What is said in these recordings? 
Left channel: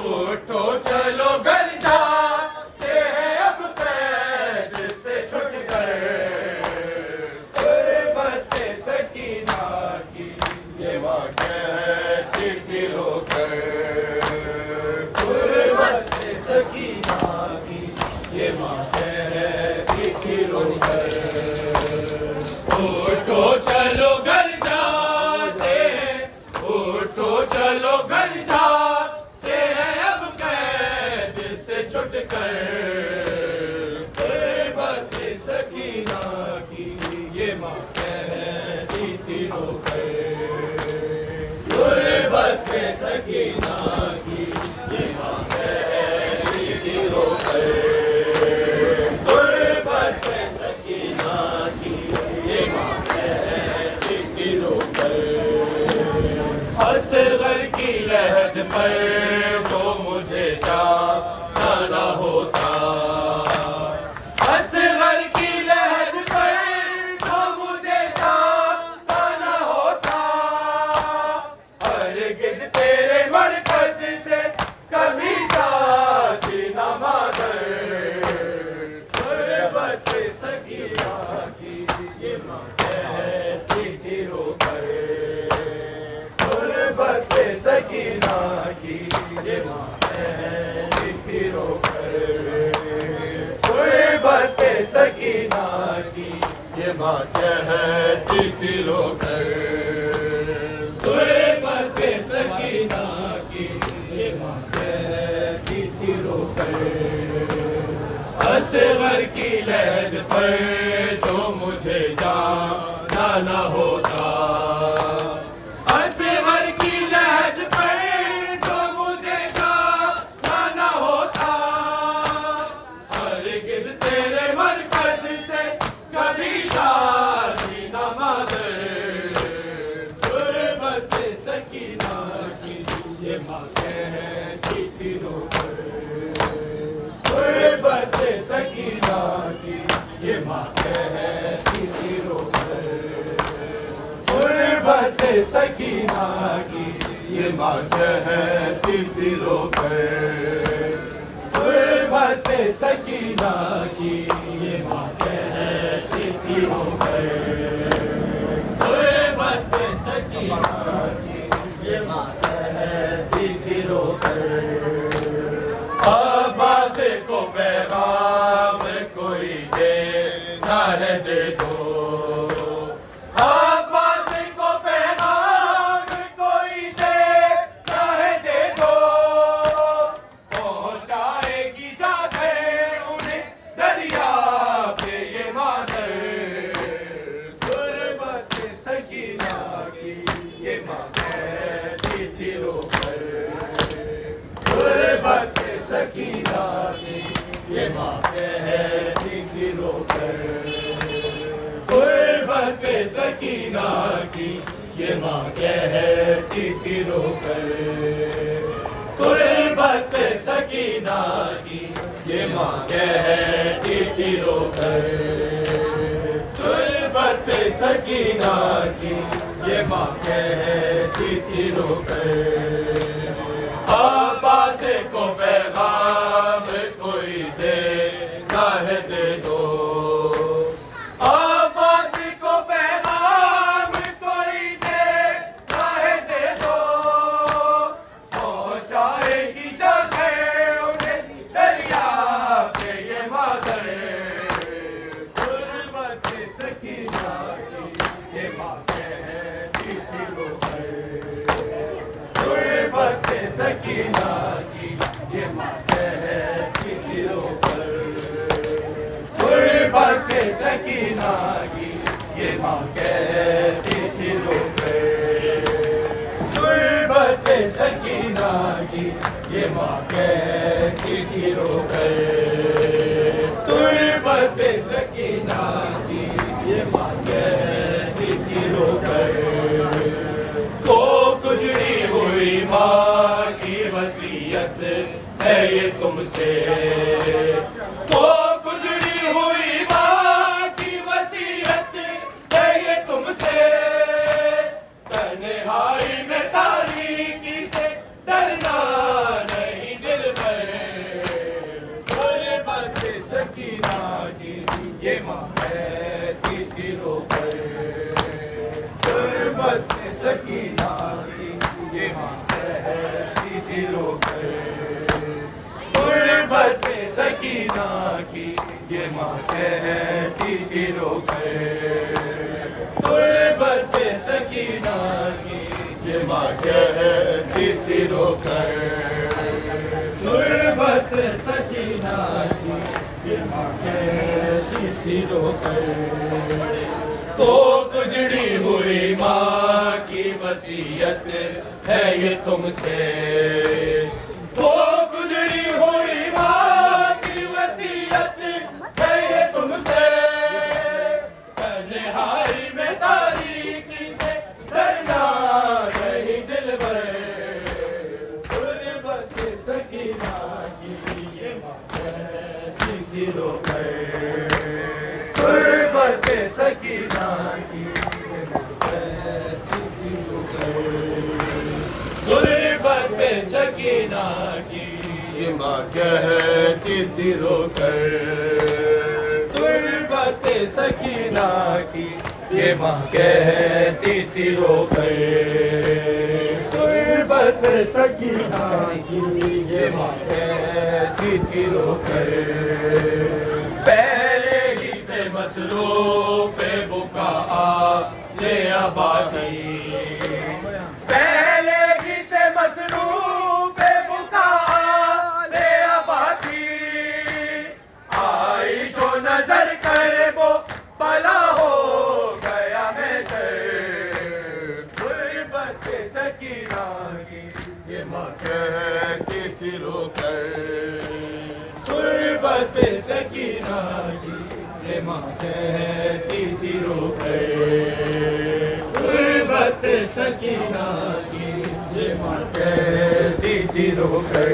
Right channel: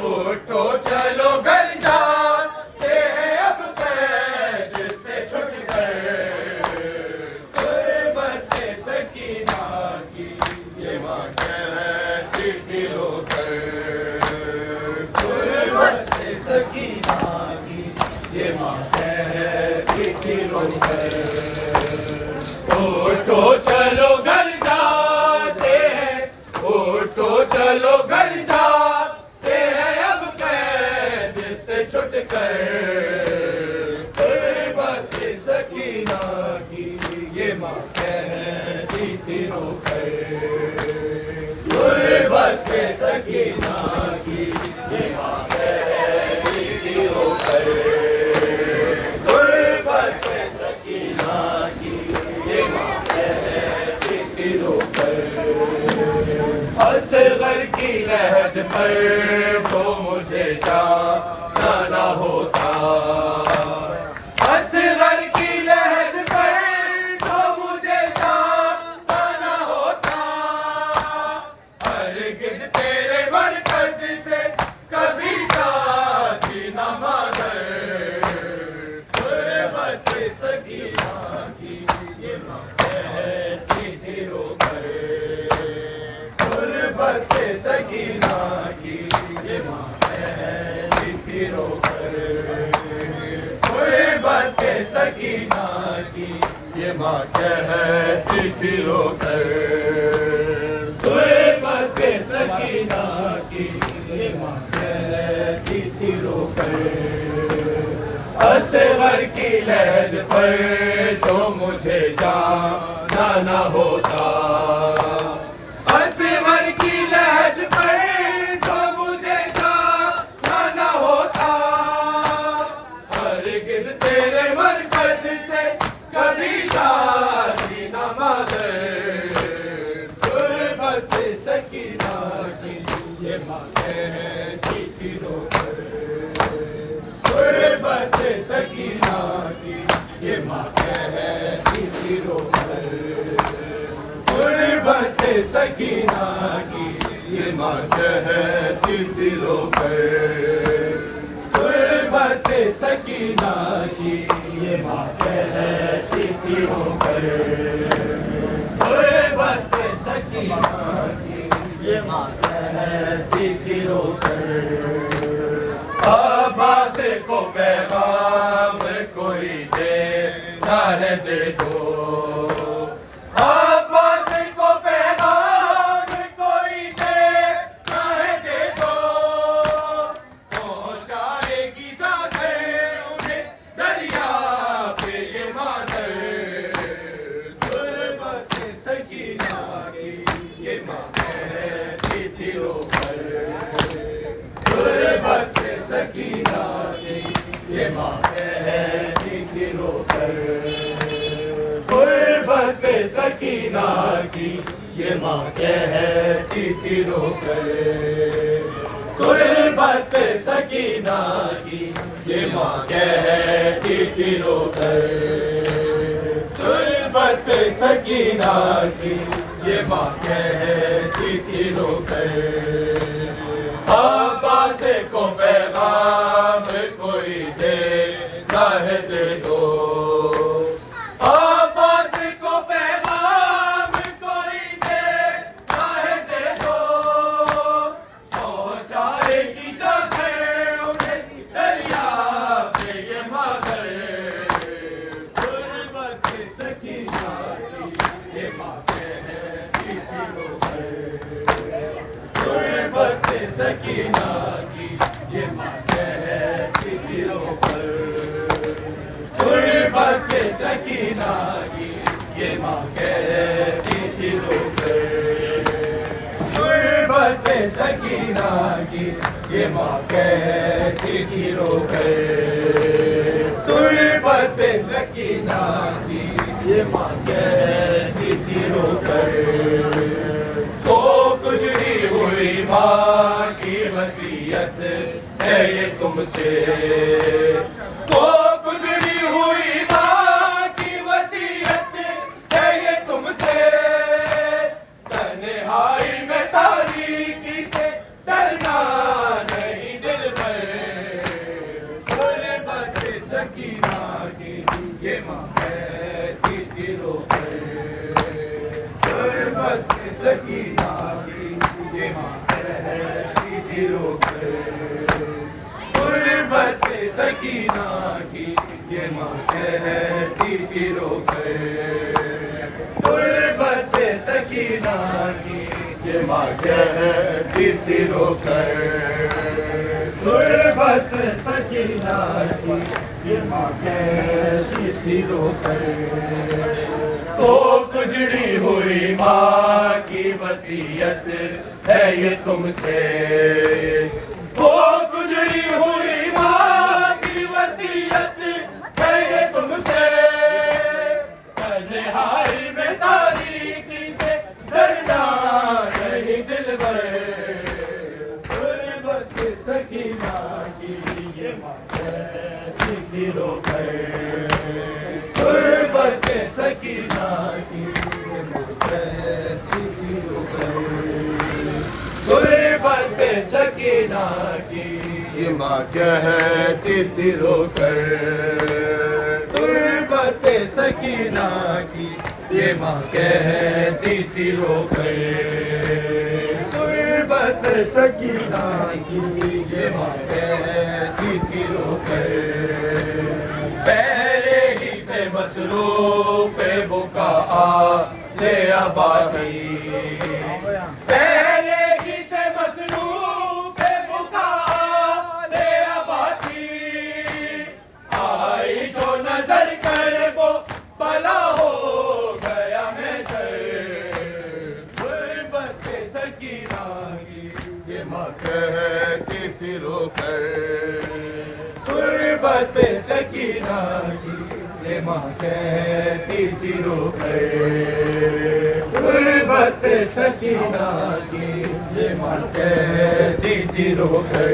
उठो चलो घर जाते हैं अब कैद से छुट गए। गुरबत सकीना की ये बात कहती थी रोकर। गुरबत सकीना की ये बात कहती थी रोकर। उठो चलो घर जाते हैं, उठो चलो घर जाते हैं अब कैद से छुट कर। गुरबत सकीना की ये माँ कहती थी रोकर। गुरबत सकीना की ये माँ कहती थी रोकर। गुरबत सकीना की ये माँ कहती थी रोकर। असगर की लहद पर तो मुझे जाना होता। असगर की लहद पर तो मुझे जाना होता। हरगिज़ तेरे मरकज़ से कभी जाती न मगर। गुरबत सकीना की ये माँ कहती थी रोकर। गुरबत सकीना की ये माँ कहती थी रोकर। गुरबत सकीना की ये माँ कहती थी रोकर। गुरबत सकीना की ये माँ कहती थी रोकर। असगर की लहद पर जो मुझे जाना होता। असगर की लहद पर जो मुझे जाना होता। हरगिज़ तेरे मरकज़ से कभी जाती न मगर। गुरबत सकीना की ये माँ कहती थी रोकर। गुरबत सकीना की ये माँ कहती थी रोकर। गुरबत सकीना की ये माँ कहती थी रोकर। गुरबत सकीना की ये माँ कहती थी रोकर। गुरबत सकीना की ये माँ कहती थी रोकर। अब्बास को पैगाम कोई देना है दे दो। अब्बास को पैगाम कोई देना है दे दो। पहुंचाएगी जाके उन्हें दरिया पे ये मादर। गुरबत सकीना की ये माँ कहती थी रोकर। गुरबत सकीना की ये माँ कहती थी रोकर। गुरबत सकीना की ये माँ कहती थी रोकर। गुरबत सकीना की ये माँ कहती थी रोकर। गुरबत सकीना की ये माँ कहती थी रोकर। अब्बास को पैगाम कोई देना है दे दो। अब्बास को पैगाम कोई देना है दे दो। पहुंचाएगी जाके उन्हें दरिया पे ये मादर। गुरबत सकीना की ये माँ कहती थी रोकर। गुरबत सकीना की ये माँ कहती थी रोकर। गुरबत सकीना की ये माँ कहती थी रोकर। गुरबत सकीना की ये माँ कहती थी रोकर। गुरबत सकीना की ये माँ कहती थी रोकर। को गुजरी हुई माँ की वसीयत है ये तुमसे। को गुजरी हुई माँ की वसीयत है ये तुमसे। तन्हाई में तारीकी से डरना नहीं सकीना की ये माँ कहती थी रोकर। गुर्बत सकीना की ये माँ कहती थी रोकर। गुर्बत सकीना की ये माँ कहती थी रोकर। गुर्बत सकीना की ये माँ कहती थी रोकर। तो गुजरी हुई माँ की वसीयत है ये तुमसे। तो गुजरी हुई माँ की वसीयत है ये तुमसे। तन्हाई में तारीकी से डरना नहीं दिल भर। गुर्बत सकीना की ये माँ कहती थी रोकर। गुर्बत सकीना की ये माँ कहती थी रोकर। गुर्बत सकीना की ये माँ कहती थी रोकर। गुर्बत सकीना की ये माँ कहती थी रोकर। गुर्बत सकीना की ये माँ कहती थी रोकर। पहले ही से मसरूफ बुका ले आबादी। पहले ही से मसरूफ बुका ले आबादी। आई जो नजर कर वो भला हो गया मैं सर। गुर्बत सकीना की ये माँ कहती थी रोकर। गुर्बत सकीना की ये माँ कहती थी रोकर। गुर्बत सकीना की ये माँ कहती थी रोकर।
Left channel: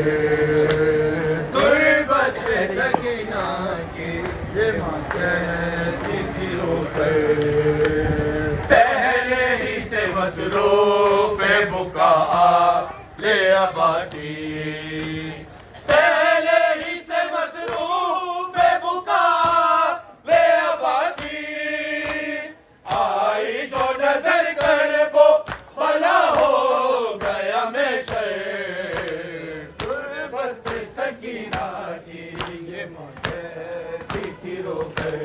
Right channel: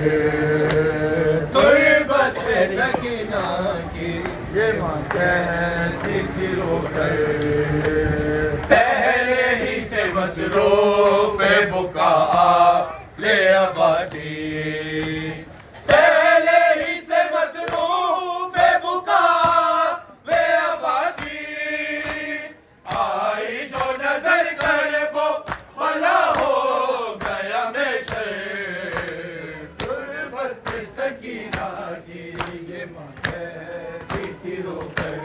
गुर्बत सकीना की ये माँ कहती थी रोकर। पहले ही से मसरूफ बुका ले आबादी। पहले ही से मसरूफ बुका ले आबादी। आई जो नजर कर वो भला हो गया मैं सर। गुर्बत सकीना की ये माँ कहती थी रोकर।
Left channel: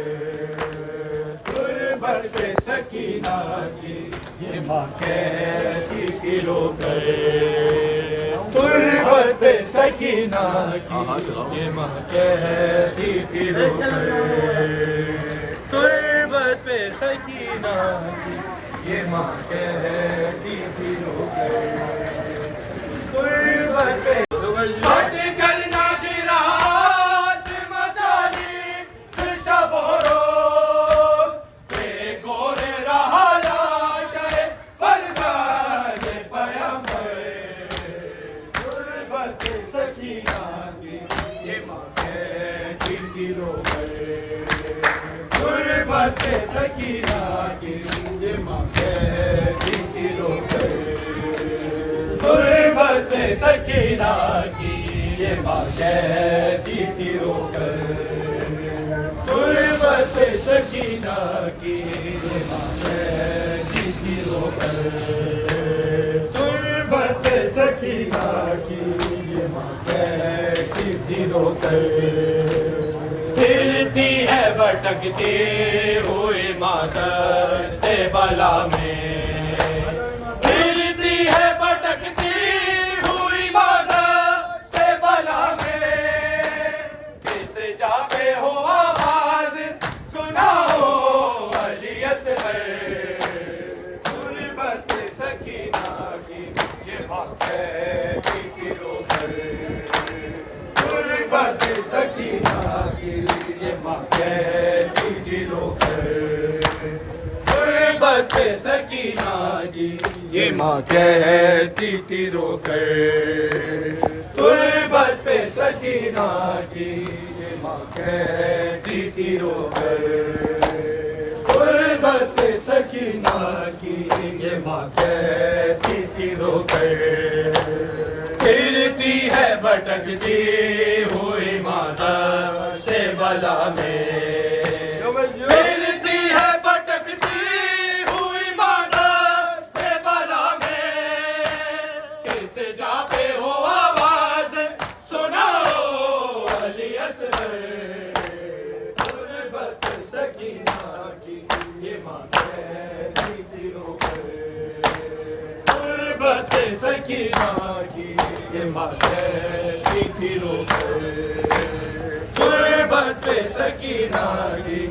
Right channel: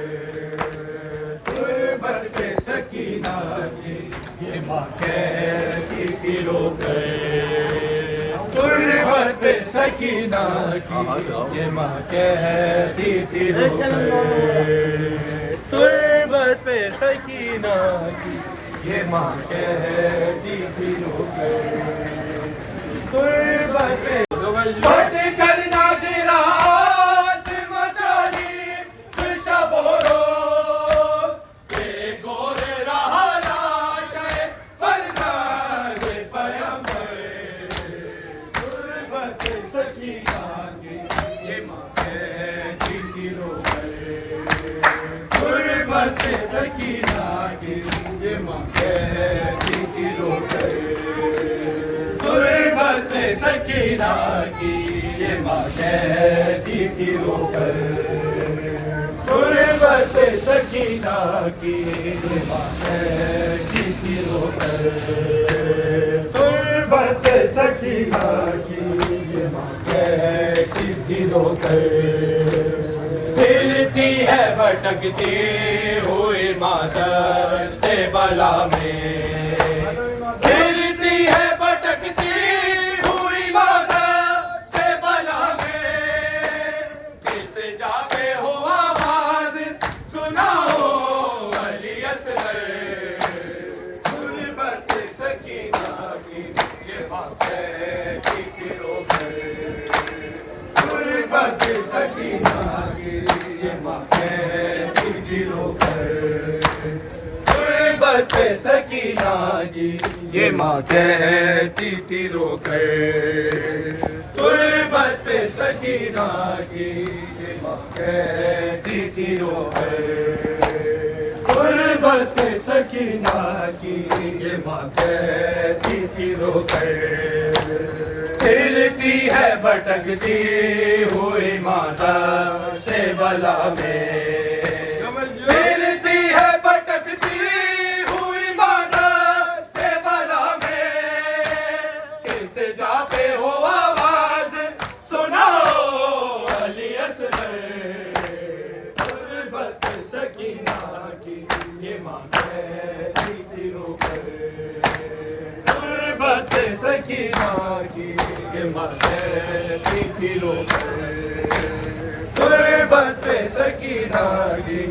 गुर्बत सकीना की ये माँ कहती थी रोकर। गुर्बत सकीना की ये माँ कहती थी रोकर। गुर्बत सकीना की ये माँ कहती थी रोकर। गुर्बत फट कर ना गिरा मचाली शबोरो। गोरे रहा लाश फरजाद पैगंबर। गुर्बत सकीना की ये माँ कहती थी रोकर। गुर्बत सकीना की ये माँ कहती थी रोकर। गुर्बत सकीना की ये माँ कहती थी रोकर। गुर्बत सकीना की ये माँ कहती थी रोकर। गुर्बत सकीना की ये माँ कहती थी रोकर। हिलती है भटकती हुई माता से बला में। हिलती है भटकती हुई माता से बला में। किस जाके हो आवाज सुनाओ अली असगर। गुर्बत सकीना की ये माँ कहती थी रोकर। गुर्बत सकीना की ये माँ कहती थी रोकर। गुर्बत सकीना की ये माँ कहती थी रोकर। गुर्बत सकीना की ये माँ कहती थी रोकर। गुर्बत सकीना की ये माँ कहती थी रोकर। फिरती है भटकती हुई माता से बला में। फिरती है भटकती हुई माता से बला ये माँ कहती थी रोकर गुर्बत पे सकीना की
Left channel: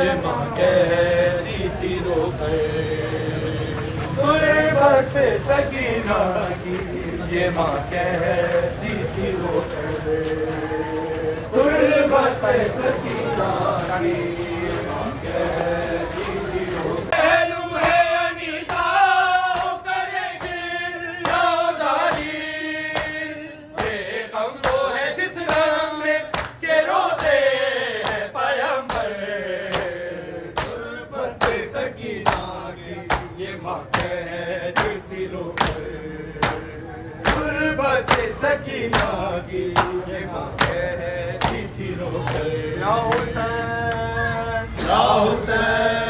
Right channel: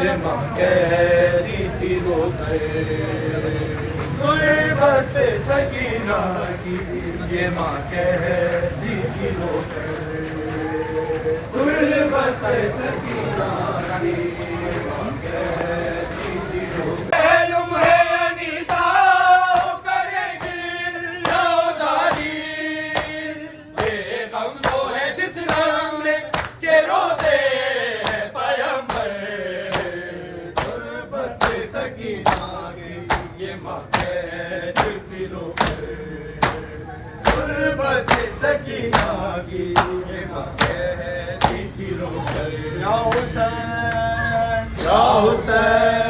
ये माँ कहती थी रोकर गुर्बत पे सकीना की ये माँ कहती थी रोकर गुर्बत पे सकीना की ये माँ कहती थी रोकर सकीना की ये माँ कहती थी रोकर या हुसैन